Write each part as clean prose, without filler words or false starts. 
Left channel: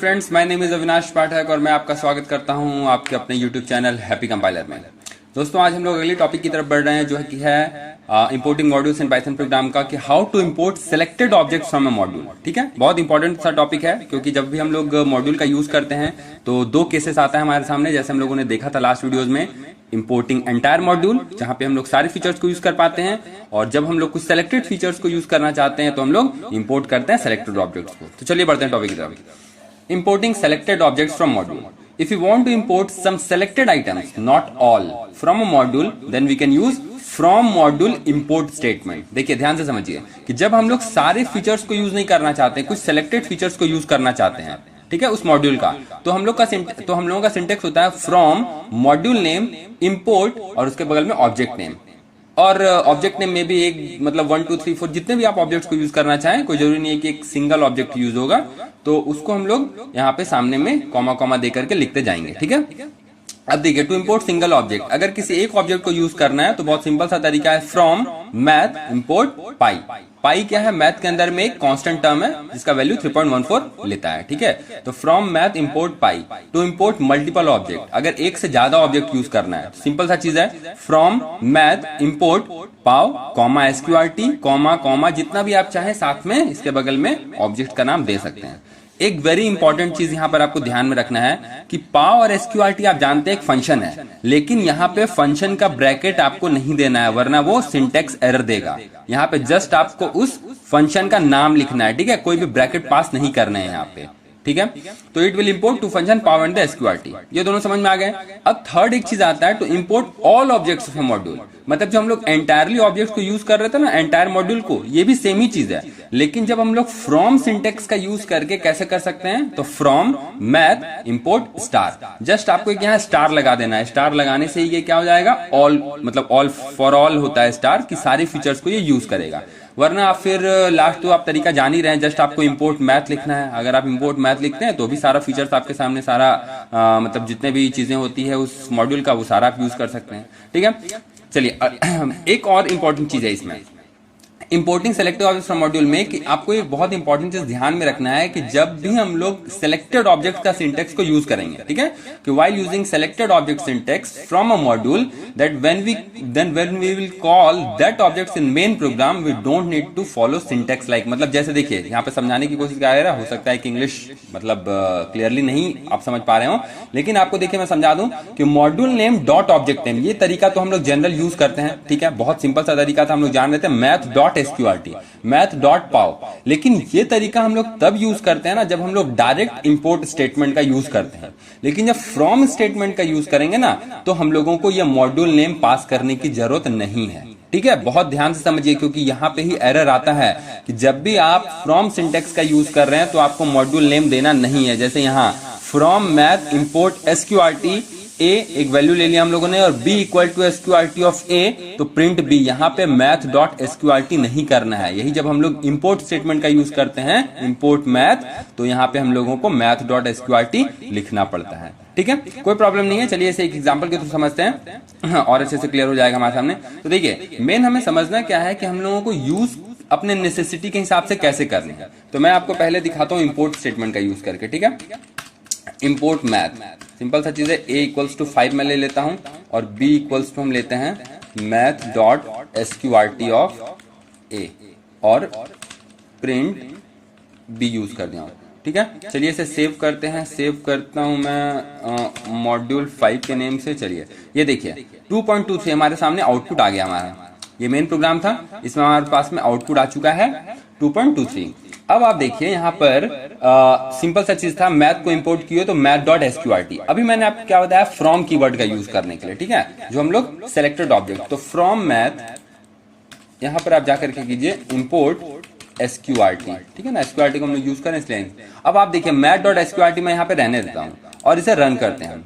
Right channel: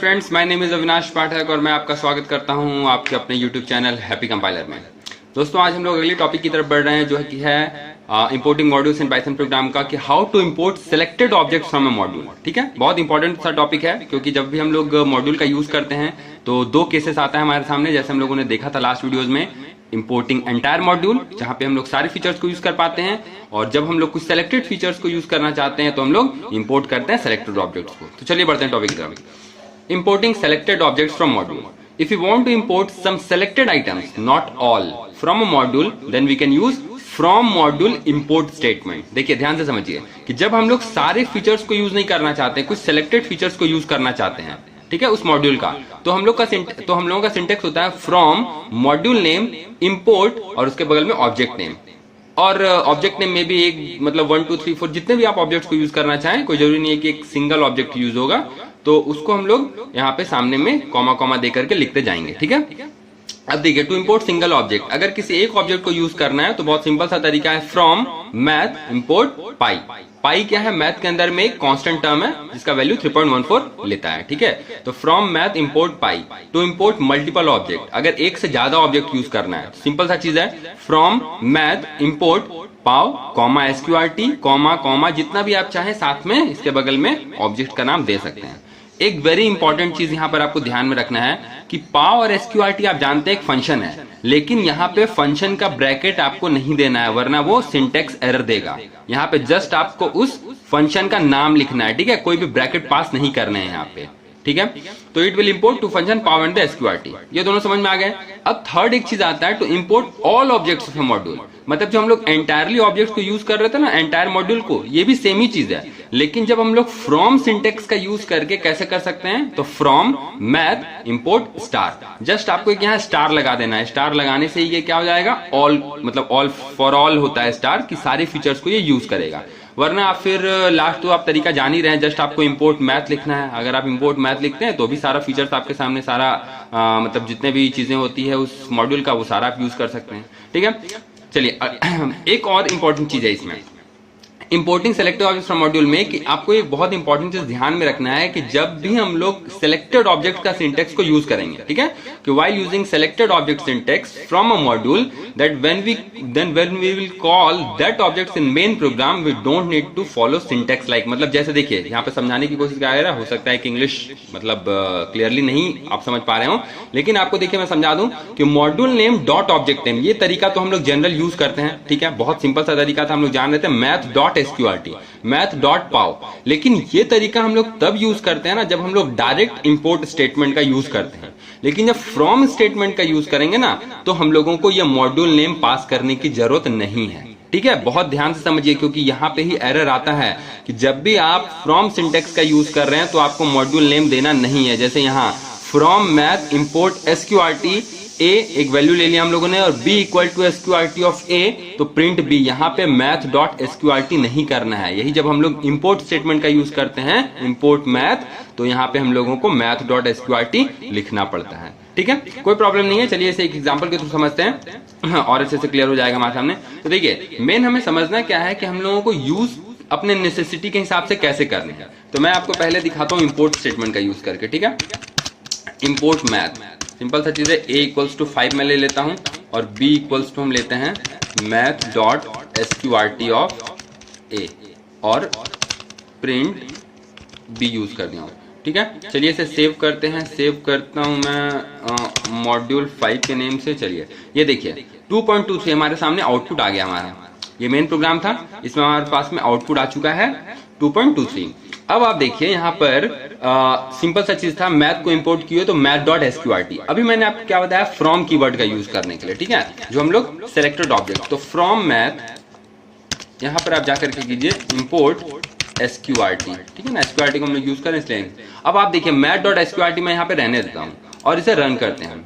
Friends, my name is Avinash Pathak और मैं आपका स्वागत करता हूं आपके अपने यूट्यूब चैनल हैप्पी कंपाइलर में। दोस्तों, आज हम लोग अगली टॉपिक की तरफ बढ़ रहे हैं जो कि है importing modules in Python program का, कि how to import selected objects from a module. ठीक है, बहुत इंपॉर्टेंट सा टॉपिक है क्योंकि जब भी हम लोग मॉड्यूल का यूज करते हैं तो दो केसेस आता है हमारे सामने, जैसे हम लोगों ने देखा था लास्ट वीडियोज में। इंपोर्टिंग एंटायर मॉड्यूल, जहां पे हम लोग सारे फीचर्स को यूज कर पाते हैं, और जब हम लोग कुछ सेलेक्टेड फीचर्स को यूज करना चाहते हैं तो हम लोग इंपोर्ट करते हैं सेलेक्टेड ऑब्जेक्ट्स को। तो चलिए बढ़ते हैं टॉपिक की तरफ। Importing selected objects from module. If we want to import some selected items, not all, from a module, then we can use from module import statement. देखिए ध्यान से समझिए कि जब हम लोग सारे फीचर्स को यूज नहीं करना चाहते, कुछ सेलेक्टेड फीचर्स को यूज करना चाहते हैं, ठीक है, उस मॉड्यूल का, तो हम लोगों का सिंटेक्स होता है फ्रॉम मॉड्यूल नेम इंपोर्ट और उसके बगल में ऑब्जेक्ट नेम। और ऑब्जेक्ट नेम में भी एक मतलब 1 2 3 4 जितने भी आप ऑब्जेक्ट्स को यूज करना चाहें, कोई जरूरी नहीं है कि एक सिंगल ऑब्जेक्ट यूज होगा, तो उसको हम लोग यहाँ पे सामने में कॉमा कॉमा दे करके लिखते जाएंगे। ठीक है, अब देखिए, टू इंपोर्ट सिंगल ऑब्जेक्ट, अगर किसी एक ऑब्जेक्ट को यूज करना है तो बहुत सिंपल सा तरीका है, फ्रॉम मैथ इंपोर्ट पाई। पाई क्या है? मैथ के अंदर में एक कांस्टेंट टर्म है जिसका वैल्यू 3.14 लेता है। ठीक है, तो from math import pi to import multiple object, अगर एक से ज्यादा ऑब्जेक्ट यूज करना है, सिंपल सा चीज है, from math import pav comma SQRT comma comma जितना भी आप चाहें, साथ में इसके बगल में ऑब्जेक्ट का नाम दे सकते हैं। एक वेरी इंपॉर्टेंट चीज यहाँ पर आपको ध्यान में रखना है कि पाव और एसक्यूआरटी आप जानते हैं एक फंक्शन है, लेकिन यहाँ पे फंक्शन का ब्रैकेट आपको नहीं देना है, वरना वो सिंटेक्स एरर देगा। यहाँ पे जस्ट आपको उस फंक्शन का नाम लिखना है। ठीक है, कोई भी ब्रैकेट पास नहीं करना है यहाँ पे। ठीक है, तो it will import two function pow and the SQRT. ये दोनों समझ में आ गए। अब थर्ड एक चीज आता है, to import all objects of a module, मतलब जो हम लोग एंटायरली ऑब्जेक्ट को यूज कर रहे थे ना, एंटायर मॉड्यूल को, ये भी सेम ही चीज है, लेकिन जब हम लोग फ्रॉम सिंटेक्स का यूज करके कैसे कर सकते हैं, तो from math import star, just आपको यहाँ स्टार लगा देना है। स्टार लगाने से ही ये क्या हो जाएगा, ऑल, मतलब ऑल फॉर ऑल होता है स्टार, कि सारे फीचर्स को ये यूज करेगा। वरना आप फिर लास्ट तो आप तरीका जान ही रहे हैं, जस्ट आपको इंपोर्ट मैथ लिखना है। अगर आप इंपोर्ट मैथ लिखते हैं तो भी सारा फीचर्स आपके सामने, सारा मतलब जितने भी चीजें होती है उस मॉड्यूल का, वो सारा आप यूज कर सकते हैं। ठीक है, चलिए एक और इंपॉर्टेंट चीज है इसमें, importing selected objects from module में, कि आपको एक बहुत इंपॉर्टेंट चीज ध्यान में रखना है कि जब भी हम लोग सेलेक्टेड ऑब्जेक्ट का सिंटेक्स को यूज करेंगे, ठीक है, कि while using selected object syntax from a module, that when we will call that objects in main program, we don't need to follow syntax like, मतलब जैसे देखिए यहाँ पे समझाने की कोशिश कर रहा है, हो सकता है कि इंग्लिश मतलब क्लियरली नहीं आप समझ पा रहे हो, लेकिन आपको देखिए मैं समझा दूं कि module name dot object name, ये तरीका तो हम लोग जनरल यूज करते हैं। ठीक है, बहुत सिंपल सा तरीका था, हम लोग जान लेते हैं, math dot SQRT, math dot pow. लेकिन ये तरीका हम लोग तब यूज करते हैं ना जब हम लोग डायरेक्ट इंपोर्ट स्टेटमेंट का यूज करते हैं, लेकिन जब फ्रॉम स्टेटमेंट का यूज करेंगे ना, तो हम लोगों को ये मॉड्यूल नेम पास करने की जरूरत नहीं है। ठीक है, बहुत ध्यान से समझिए, क्योंकि यहाँ पे ही एरर आता है कि जब भी आप फ्रॉम सिंटेक्स का यूज कर रहे हैं तो आपको मॉड्यूल नेम देना नहीं है। जैसे यहाँ from math import SQRT a, एक वैल्यू ले लिया हम लोगों ने, और b equal to SQRT of a, तो प्रिंट बी, यहाँ पे मैथ डॉट एसक्यूआरटी नहीं करना है। यही जब हम लोग इंपोर्ट स्टेटमेंट का यूज करते हैं, इंपोर्ट मैथ, तो यहाँ पे हम लोगों को मैथ डॉट एसक्यूआरटी लिखना पड़ता है। ठीक है, कोई प्रॉब्लम नहीं है। चलिए इसे एक एग्जांपल के थ्रू समझते हैं और अच्छे से क्लियर हो जाएगा हमारे सामने। तो देखिए, मेन हमें समझना क्या है कि हम लोगों को यूज अपने नेसेसिटी के हिसाब से कैसे करना है। तो मैं आपको पहले दिखाता हूँ इंपोर्ट स्टेटमेंट का यूज करके। ठीक है, इंपोर्ट मैथ, सिंपल सा चीज है, a इक्वल्स टू 5 मैं ले लेता हूं, और b इक्वल्स टू हम लेते हैं math dot SQRT of a, और प्रिंट b यूज कर दिया हूं। ठीक है, चलिए इसे सेव करते हैं। सेव करता हूं मैं मॉड्यूल 5 के नेम से। चलिए ये देखिए 2.23 हमारे सामने आउटपुट आ गया हमारा। ये मेन प्रोग्राम था, इसमें हमारे पास में आउटपुट आ चुका है 2.23। अब आप देखिए यहाँ पर सिंपल सा चीज था, मैथ को इंपोर्ट किए तो मैथ डॉट एसक्यूआरटी। अभी मैंने आपको क्या बताया, फ्रॉम कीवर्ड का यूज करने के लिए। ठीक है, जो हम लोग सेलेक्टेड ऑब्जेक्ट, तो फ्रॉम मैथ यहाँ पर आप जाकर के कीजिए इंपोर्ट एसक्यूआरटी। ठीक है ना, एसक्यूआरटी को हम लोग यूज करें इसलिए। अब आप देखिए मैथ डॉट एसक्यूआरटी मैं यहाँ पे रहने देता हूँ और इसे रन करते हैं।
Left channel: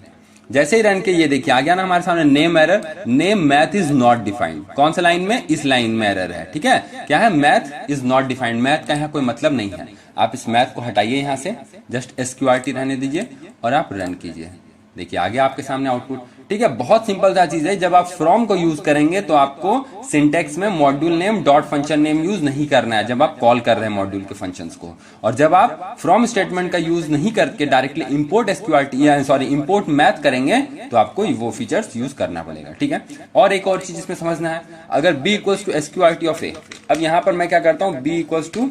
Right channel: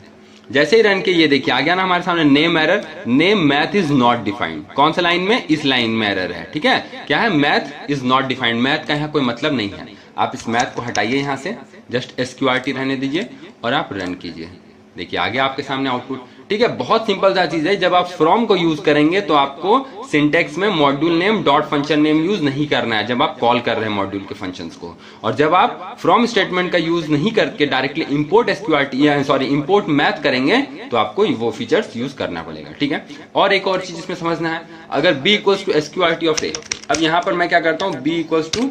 जैसे ही रन के ये देखिए आ गया ना हमारे सामने, name error, name math is not defined. कौन सा लाइन में? इस लाइन में एरर है। ठीक है, क्या है? Math is not defined, math का यहाँ कोई मतलब नहीं है। आप इस मैथ को हटाइए यहाँ से, जस्ट एसक्यूआरटी रहने दीजिए और आप रन कीजिए। देखिए आ गया आपके सामने आउटपुट। ठीक है, बहुत सिंपल सा चीज है। जब आप फ्रॉम को यूज करेंगे तो आपको सिंटेक्स में module name dot function name use नहीं करना है जब आप कॉल कर रहे हैं मॉड्यूल के फंक्शंस को। और जब आप फ्रॉम स्टेटमेंट का यूज नहीं करके directly import SQRT import math करेंगे तो आपको वो फीचर्स यूज करना पड़ेगा। ठीक है, और एक और चीज इसमें समझना है, अगर b equals to SQRT of a, अब यहां पर मैं क्या करता हूं, b equals to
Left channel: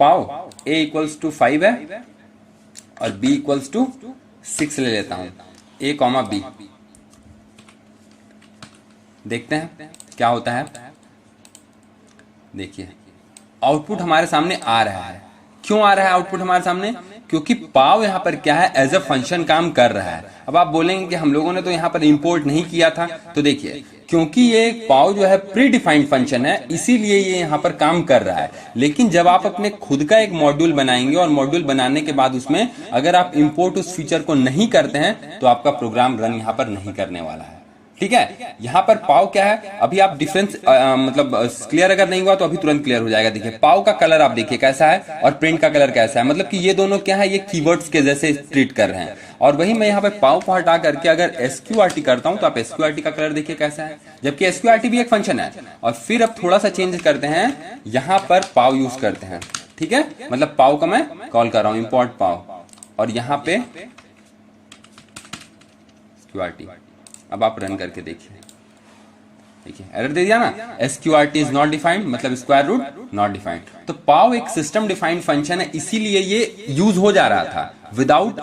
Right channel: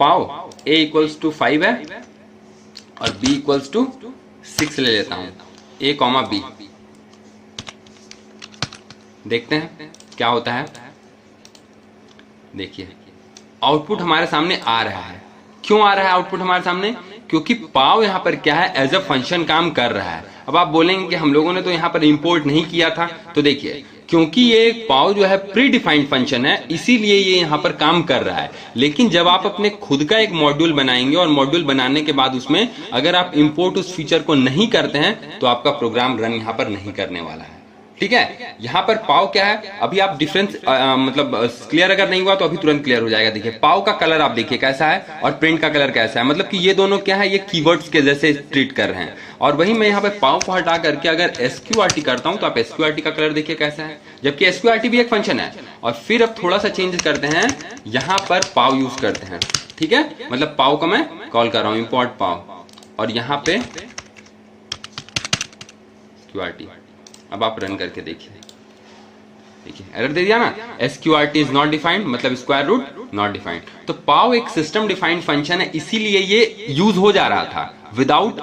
pow a equals to 5 है और b इक्वल्स टू 6 ले लेता हूं, a कॉमा b। देखते हैं क्या होता है। देखिए आउटपुट हमारे सामने आ रहा है। क्यों आ रहा है आउटपुट हमारे सामने? क्योंकि पाव यहां पर क्या है, एज अ फंक्शन काम कर रहा है। अब आप बोलेंगे कि हम लोगों ने तो यहां पर इंपोर्ट नहीं किया था, तो देखिए क्योंकि ये पाव जो है प्री डिफाइंड फंक्शन है इसीलिए ये यहां पर काम कर रहा है। लेकिन जब आप अपने खुद का एक मॉड्यूल बनाएंगे और मॉड्यूल बनाने के बाद उसमें अगर आप इंपोर्ट उस फीचर को नहीं करते हैं तो आपका प्रोग्राम रन यहां पर नहीं करने वाला है। ठीक है, यहां पर पाव क्या है, अभी आप डिफरेंस मतलब क्लियर अगर नहीं हुआ तो अभी तुरंत क्लियर हो जाएगा। देखिए पाव का कलर आप देखिए कैसा है और प्रिंट का कलर कैसा है, मतलब कि ये दोनों क्या है, ये कीवर्ड्स के जैसे ट्रीट कर रहे हैं। और वही मैं यहाँ पे पाव को हटा करके अगर एसक्यूआरटी करता हूं तो आप एसक्यूआरटी का कलर देखिए कैसा है, जबकि एसक्यूआरटी भी एक फंक्शन है। और फिर अब थोड़ा सा चेंज करते हैं, यहां पर पाव यूज करते हैं। ठीक है, मतलब पाव का मैं कॉल कर रहा हूं, इंपोर्ट पाव, और यहां पे एसक्यूआरटी। अब आप रन करके देखिए, देखिए एरर दे दिया ना, एसक्यूआरटी इज नॉट डिफाइंड, मतलब स्क्वायर रूट नॉट डिफाइंड। तो पाव एक सिस्टम डिफाइंड फंक्शन है, इसीलिए ये यूज हो जा रहा था विदाउट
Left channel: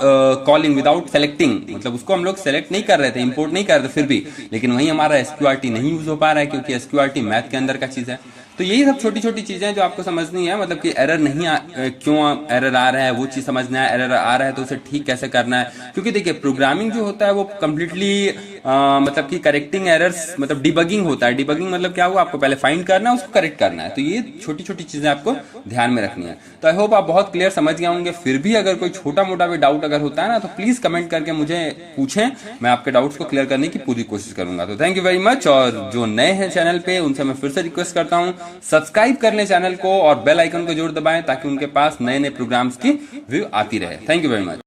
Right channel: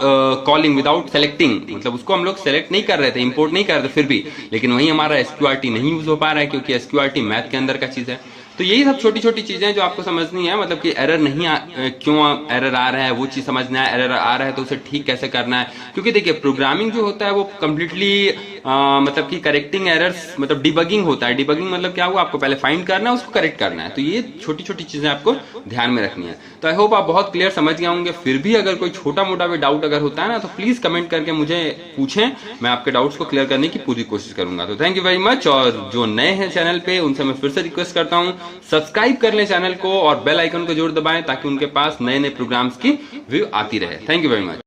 कॉलिंग, विदाउट सेलेक्टिंग, मतलब उसको हम लोग सेलेक्ट नहीं कर रहे थे, इंपोर्ट नहीं कर रहे थे फिर भी, लेकिन वही हमारा एसक्यूआरटी नहीं यूज हो पा रहा है क्योंकि एसक्यूआरटी मैथ के अंदर का चीज है। तो यही सब छोटी छोटी चीजें जो आपको समझनी है, मतलब कि एरर नहीं क्यों एरर आ रहा है वो चीज समझना है, एरर आ रहा है तो उसे ठीक कैसे करना है। क्योंकि देखिए प्रोग्रामिंग जो होता है वो कम्प्लीटली मतलब कि करेक्टिंग एरर्स, मतलब डिबगिंग होता है। डिबगिंग मतलब क्या हुआ, आपको पहले फाइंड करना है, उसको करेक्ट करना है। तो ये छोटी छोटी चीजें आपको ध्यान में रखनी है। तो आई होप आप बहुत क्लियर समझ गए होंगे। फिर भी अगर कोई छोटा मोटा भी डाउट अगर होता है ना तो प्लीज कमेंट करके मुझे पूछें, मैं आपके डाउट्स को क्लियर करने की पूरी कोशिश करूंगा। तो थैंक यू वेरी मच। और जो नए हैं चैनल पे उनसे मैं फिर से रिक्वेस्ट करता हूं सब्सक्राइब कर लें चैनल को और बेल आइकन को जरूर दबाएं ताकि उनके पास नए नए प्रोग्राम्स की व्यू आती रहे। Thank you very much.